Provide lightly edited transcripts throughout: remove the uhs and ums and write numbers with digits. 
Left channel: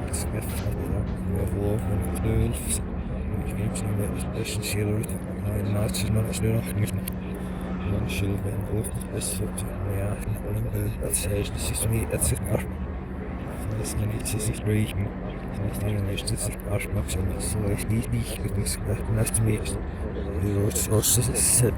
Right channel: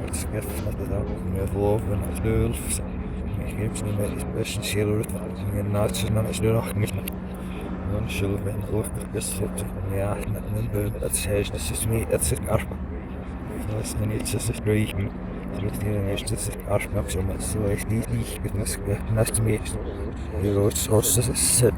wird geöffnet med våpen och stölds. Ich gebe es nicht mehr, das ist ein Schiller, ein Nazi, man ist nur noch nicht mehr. Man schuld wenn hoort is goed. Ja, dat is dus niet, het is arm. Dat is niet zo strijd. Het is niet zo arm, maar zo is niet het moet naast me. Hier is zo is het.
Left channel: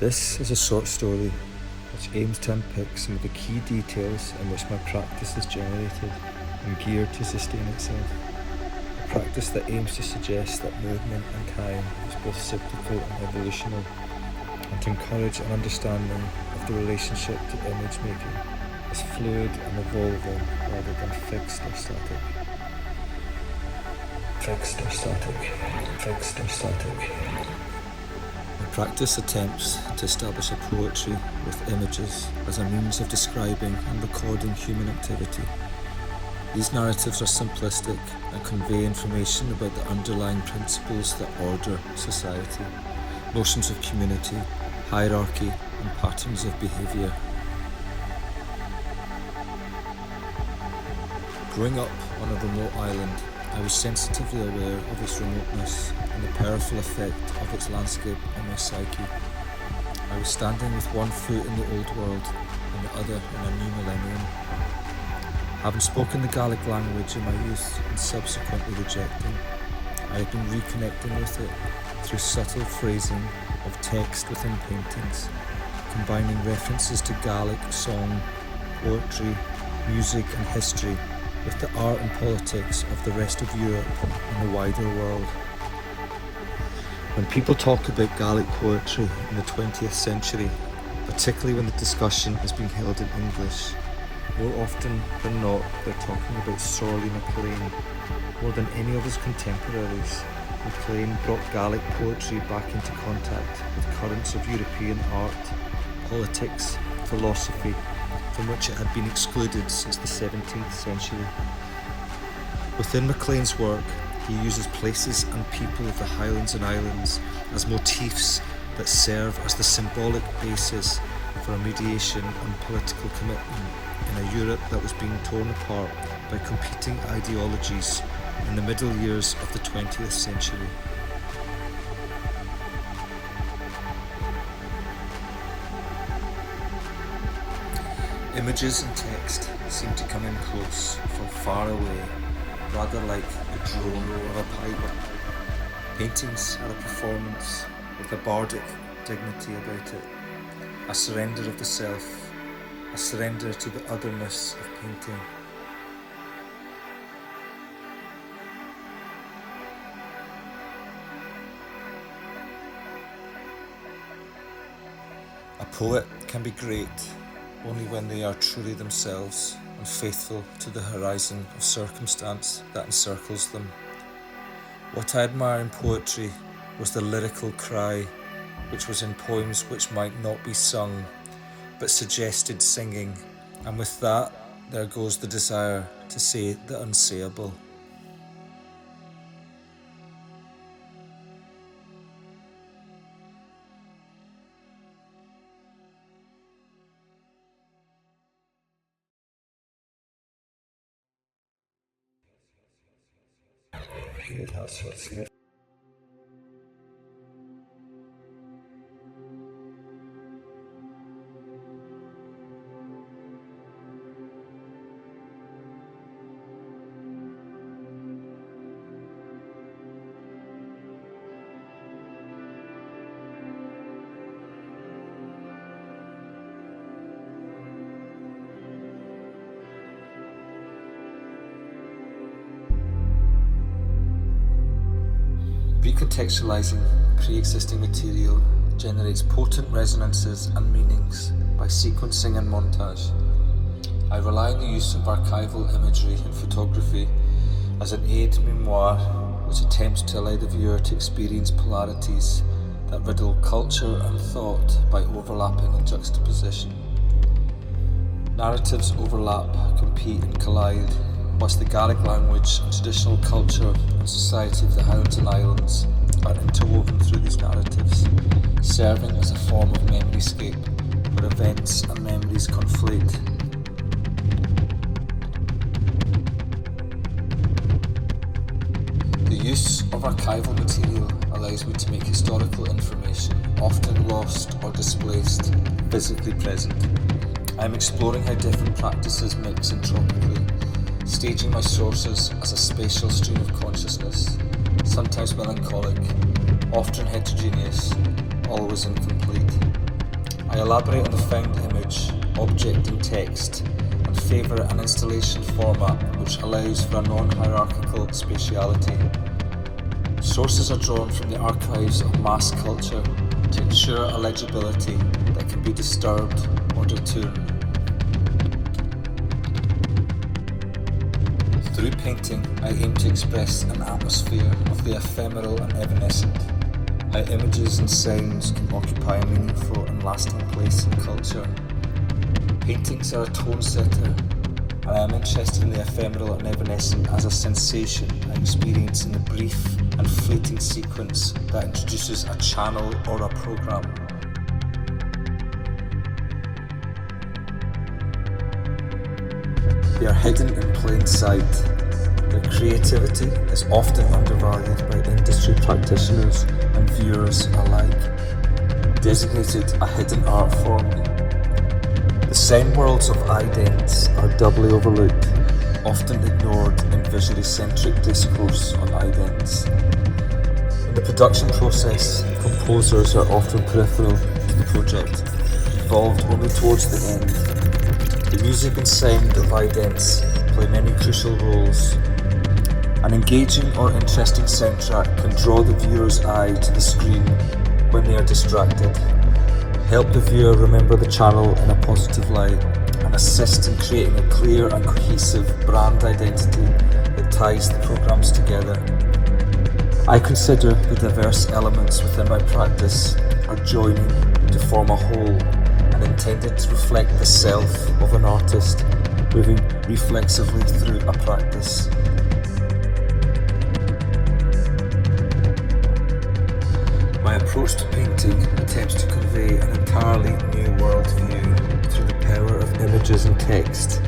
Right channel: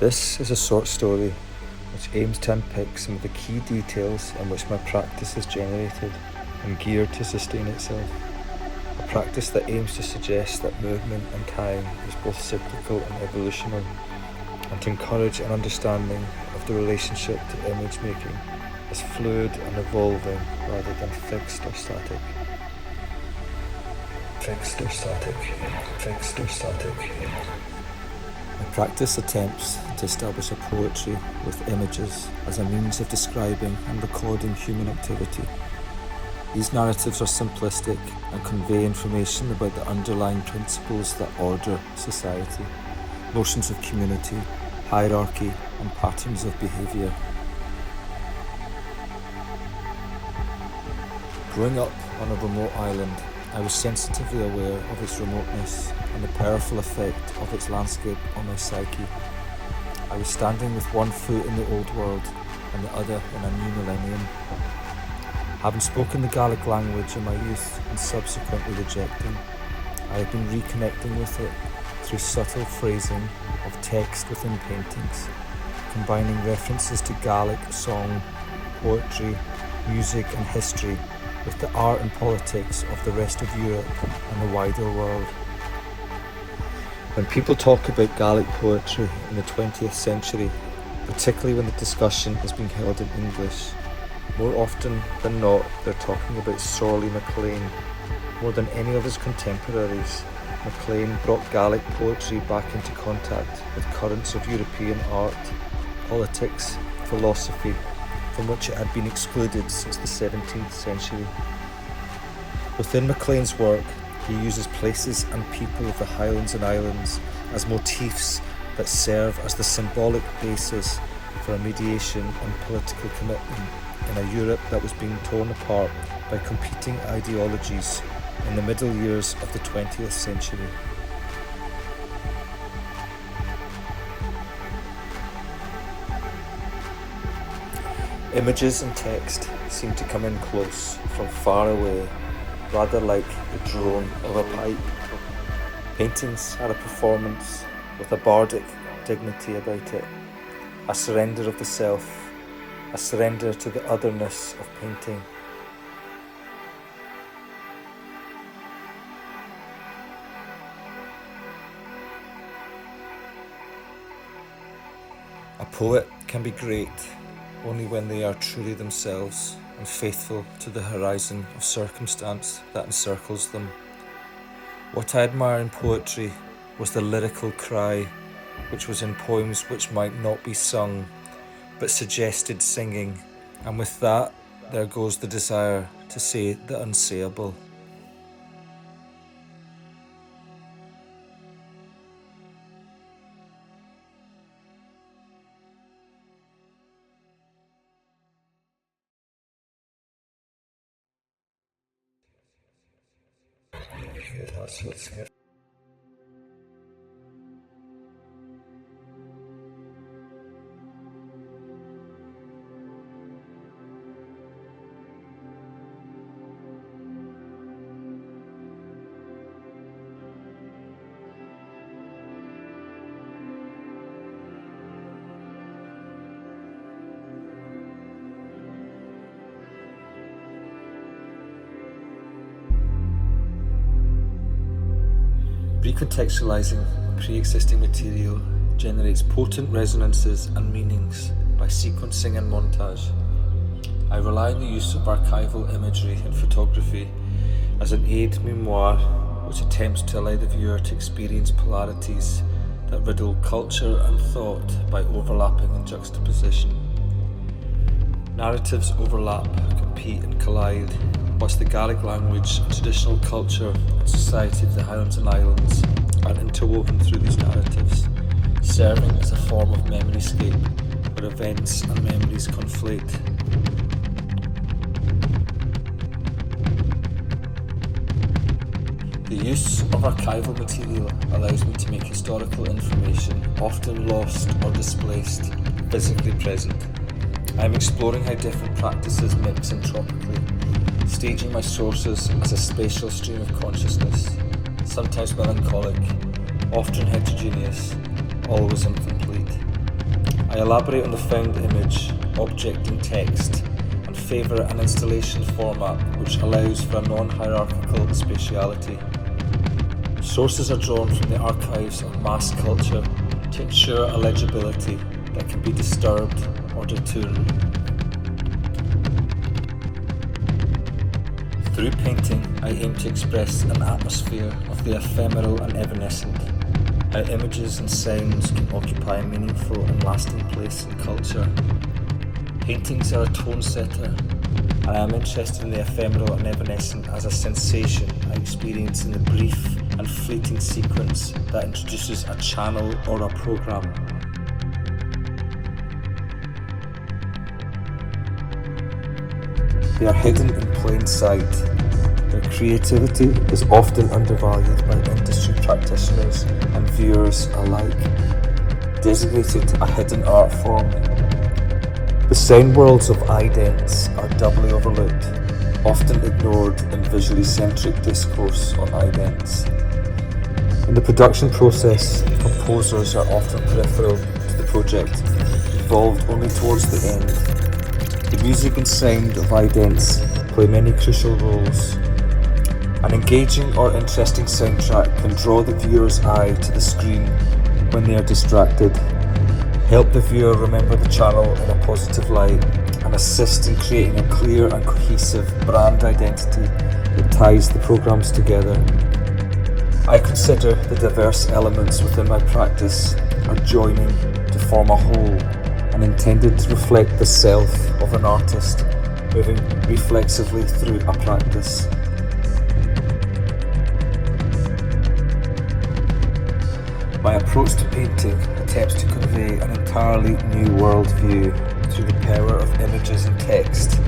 This is a short story which aims to unpick some of the key details in which my practice is generated and geared to sustain itself. A practice that aims to suggest that movement and time is both cyclical and evolutional, and to encourage an understanding of the relationship to image making as fluid and evolving rather than fixed or static. Fixed or static. Fixed or static. My practice attempts to establish a poetry with images as a means of describing and recording human activity. These narratives are simplistic and convey information about the underlying principles that order society, notions of community, hierarchy, and patterns of behaviour. Growing up on a remote island, I was sensitively aware of its remoteness and the powerful effect of its landscape on my psyche. I was standing with one foot in the old world and the other in a new millennium. Having spoken the Gaelic language in my youth and subsequently rejecting, I have been reconnecting with it through subtle phrasing of text within paintings, combining references to Gaelic song, poetry, music and history with the art and politics of the rest of Europe and the wider world. When people talk about Gaelic poetry in the 20th century, particularly when the discussion is being held in English, more often than not they're talking about Sorley MacLean. More than any of his contemporaries, MacLean brought Gaelic poetry back into contact with currents of European art, politics, philosophy, from which it had been excluded since the 17th century. Within MacLean's work, he uses places and people of the Highlands and Islands as motifs that serve as the symbolic basis for a mediation on political commitment in a Europe that was being torn apart by competing ideologies in the middle years of the 20th century. Images and text seem to come in close from far away, rather like the drone of a pipe. Paintings are a performance with a bardic dignity about it, a surrender of the self, a surrender to the otherness of painting. A poet can be great only when they are truly themselves and faithful to the horizon of circumstance that encircles them. What I admire in poetry was the lyrical cry, which was in poems which might not be sung, but suggested singing, and with that there goes the desire to say the unsayable. That's what's here. Recontextualizing pre-existing material generates potent resonances and meanings by sequencing and montage. I rely on the use of archival imagery in photography as an aide memoire which attempts to allow the viewer to experience polarities that riddle culture and thought by overlapping and juxtaposition. Narratives overlap, compete and collide, whilst the Gaelic language and traditional culture and society of the Highlands and Islands are interwoven through these narratives, serving as a form of memoryscape where events and memories conflate. The use of archival material allows me to make historical information, often lost or displaced, physically present. I am exploring how different practices mix entropically, staging my sources as a spatial stream of consciousness, sometimes melancholic, often heterogeneous, always incomplete. I elaborate on the found image, object and text, and favour an installation format which allows for a non-hierarchical spatiality. Sources are drawn from the archives of mass culture to ensure a legibility that can be disturbed or detoured. Through painting, I aim to express an atmosphere of the ephemeral and evanescent, how images and sounds can occupy a meaningful and lasting place in culture. Paintings are a tone setter, and I am interested in the ephemeral and evanescent as a sensation I experience in the brief and fleeting sequence that introduces a channel or a program. They are hidden in plain sight. Their creativity is often undervalued by industry practitioners and viewers alike, designated a hidden art form. The sound worlds of idents are doubly overlooked, often ignored in visually centric discourse on idents. In the production process, composers are often peripheral to the project, involved only towards the end. The music and sound of idents play many crucial roles. An engaging or interesting soundtrack can draw the viewer's eye to the screen when they are distracted, help the viewer remember the channel in a positive light, and assist in creating a clear and cohesive brand identity that ties the programs together. I consider the diverse elements within my practice adjoining to form a whole and intended to reflect the self of an artist moving reflexively through a practice. My approach to painting attempts to convey an entirely new worldview through the power of images and text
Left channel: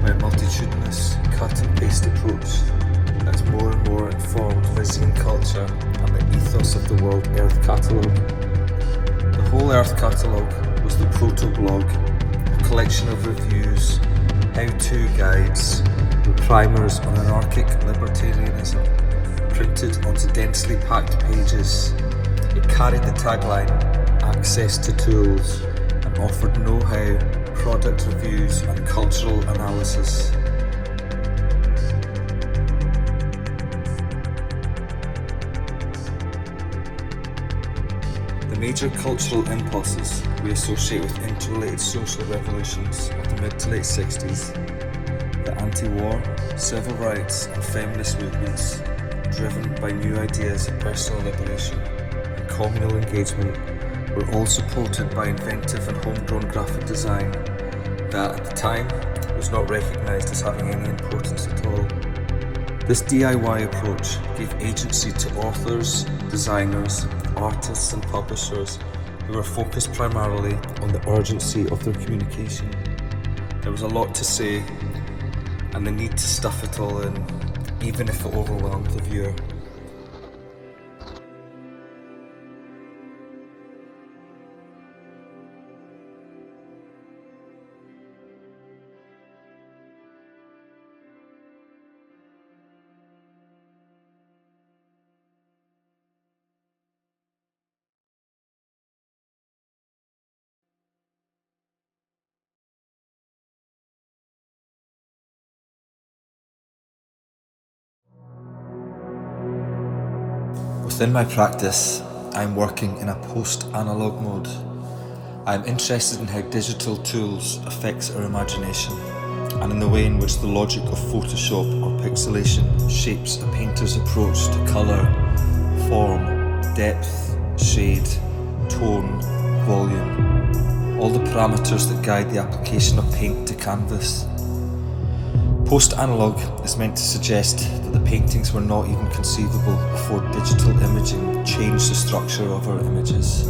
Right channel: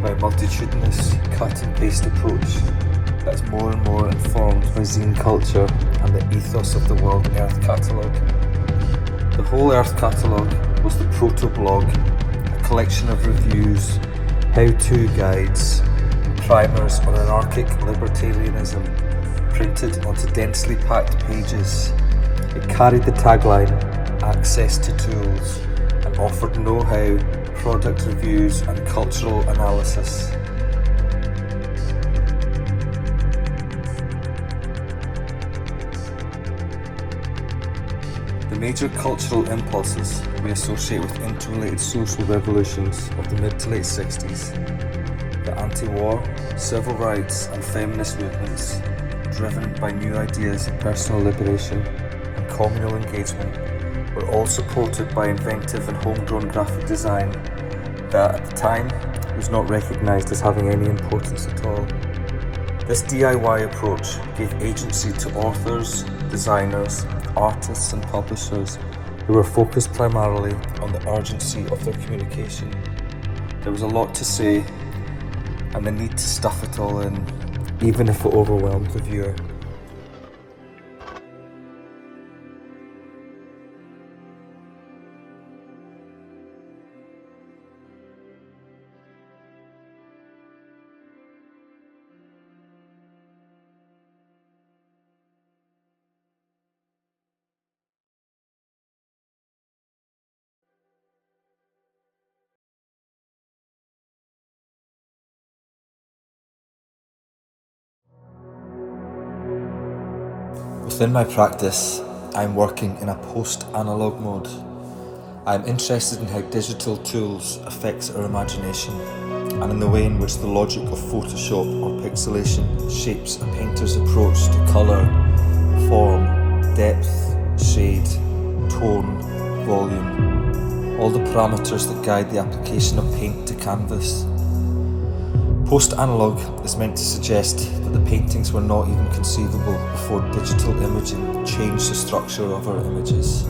by a multitudinous cut and paste approach that's more and more informed by zine culture and the ethos of the World Earth Catalogue. The whole Earth Catalogue was the proto-blog, a collection of reviews, how-to guides, and primers on anarchic libertarianism printed onto densely packed pages. It carried the tagline, access to tools, and offered know-how, product reviews and cultural analysis. The major cultural impulses we associate with interrelated social revolutions of the mid to late 60s, the anti-war, civil rights and feminist movements, driven by new ideas of personal liberation and communal engagement, were all supported by inventive and homegrown graphic design that at the time was not recognised as having any importance at all. This DIY approach gave agency to authors, designers, artists and publishers who were focused primarily on the urgency of their communication. There was a lot to say and the need to stuff it all in, even if it overwhelmed the viewer. Within my practice, I'm working in a post-analog mode. I'm interested in how digital tools affects our imagination and in the way in which the logic of Photoshop or pixelation shapes a painter's approach to colour, form, depth, shade tone, volume, all the parameters that guide the application of paint to canvas. Post-analog is meant to suggest that the paintings were not even conceivable before digital imaging changed the structure of our images.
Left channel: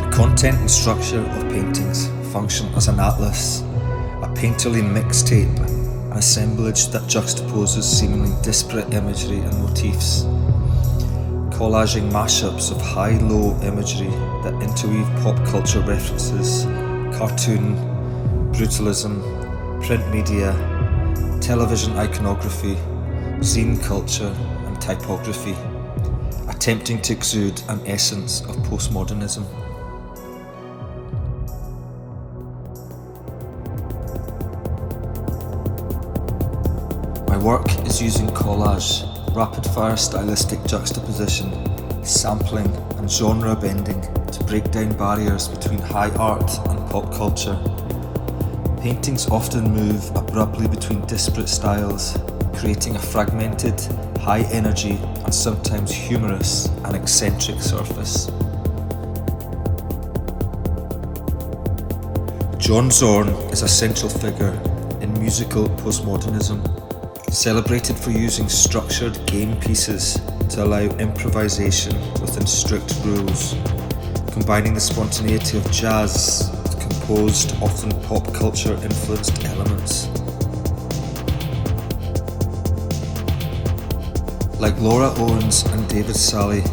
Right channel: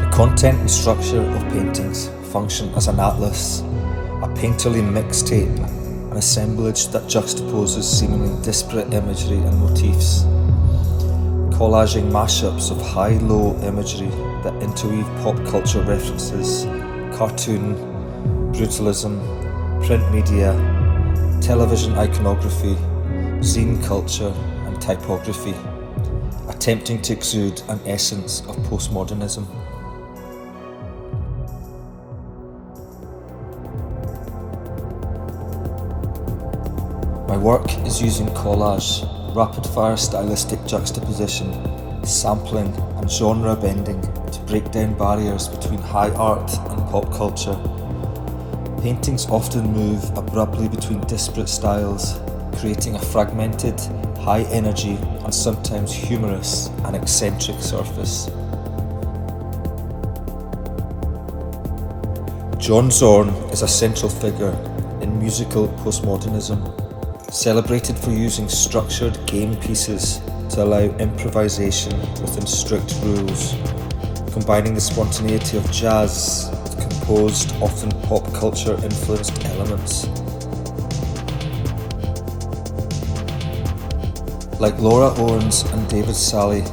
The content and structure of paintings function as an atlas, a painterly mixtape, an assemblage that juxtaposes seemingly disparate imagery and motifs, collaging mashups of high-low imagery that interweave pop culture references, cartoon, brutalism, print media, television iconography, zine culture and typography, attempting to exude an essence of postmodernism. My work is using collage, rapid-fire stylistic juxtaposition, sampling and genre bending to break down barriers between high art and pop culture. Paintings often move abruptly between disparate styles, creating a fragmented, high-energy and sometimes humorous and eccentric surface. John Zorn is a central figure in musical postmodernism, celebrated for using structured game pieces to allow improvisation within strict rules, combining the spontaneity of jazz with composed, often pop culture influenced elements. Like Laura Owens and David Salle,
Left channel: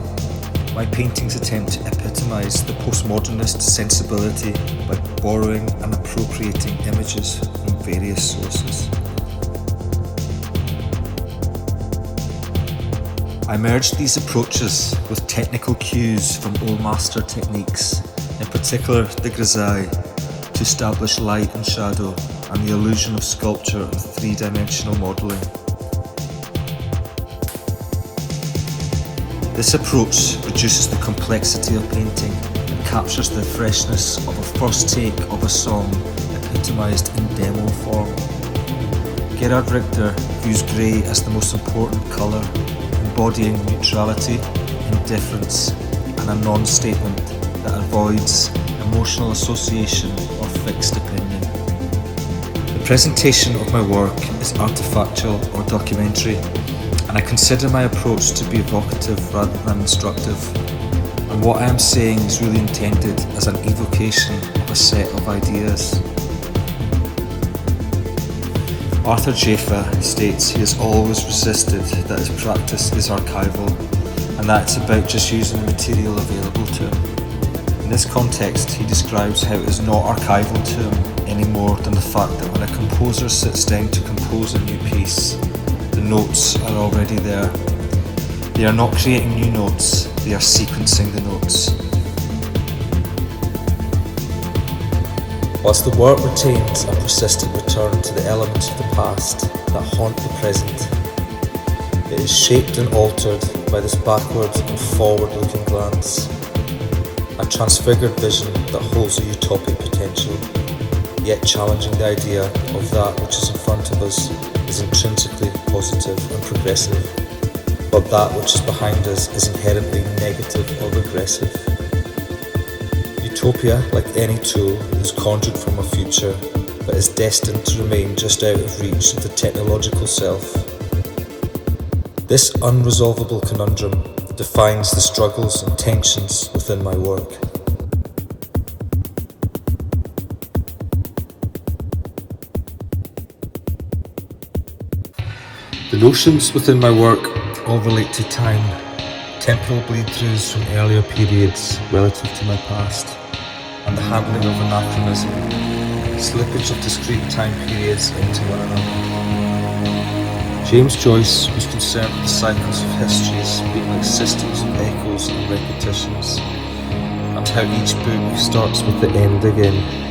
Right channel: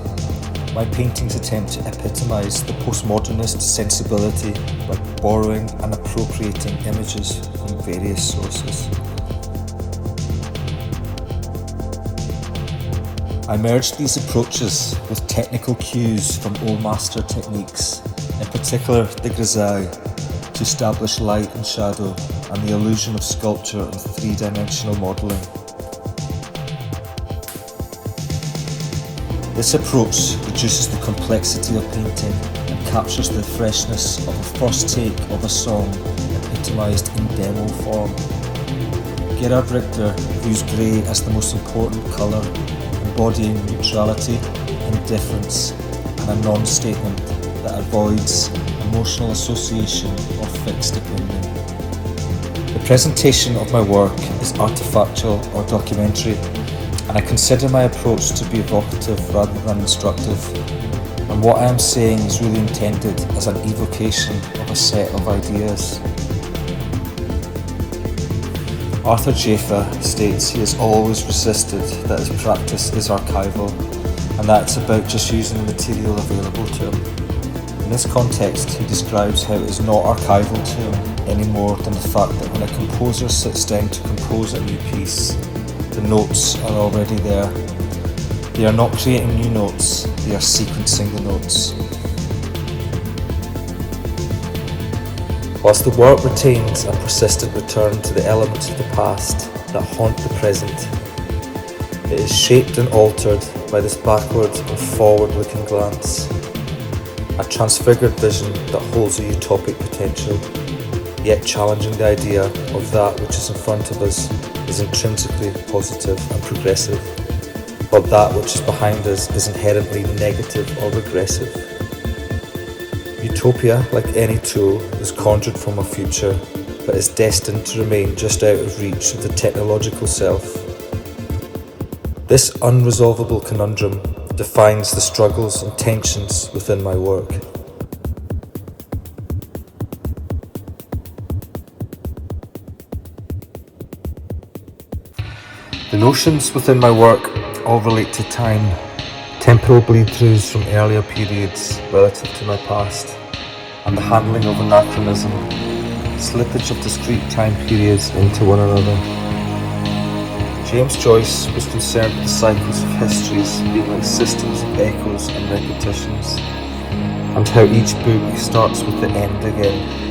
my paintings attempt to epitomise the postmodernist sensibility by borrowing and appropriating images from various sources. I merged these approaches with technical cues from old master techniques, in particular the grisaille, to establish light and shadow and the illusion of sculpture and three-dimensional modelling. This approach reduces the complexity of painting and captures the freshness of a first take of a song epitomised in demo form. Gerhard Richter views grey as the most important colour, embodying neutrality, indifference, and a non-statement that avoids emotional association or fixed opinion. The presentation of my work is artifactual or documentary, and I consider my approach to be evocative rather than instructive, and what I am saying is really intended as an evocation of a set of ideas. Arthur Jafa states he has always resisted that his practice is archival and that it's about just using the material available to him. In this context, he describes how it is not archival to him any more than the fact that when a composer sits down to compose a new piece, the notes are already there. They are not creating new notes, they are sequencing the notes. Whilst the work retains a persistent return to the elements of the past that haunt the present, it is shaped and altered by this backward and forward-looking glance, a transfigured vision that holds a utopic potential, yet challenging the idea of that which is in front of us is intrinsically positive and progressive, while that which is behind us is inherently negative or regressive. Utopia, like any tool, is conjured from a future, but is destined to remain just out of reach of the technological self. This unresolvable conundrum defines the struggles and tensions within my work. The notions within my work all relate to time, temporal bleed-throughs from earlier periods relative to my past, and the handling of anachronism, slippage of discrete time periods into one another. James Joyce was concerned with the cycles of histories being like systems of echoes and repetitions, and how each book starts with the end again.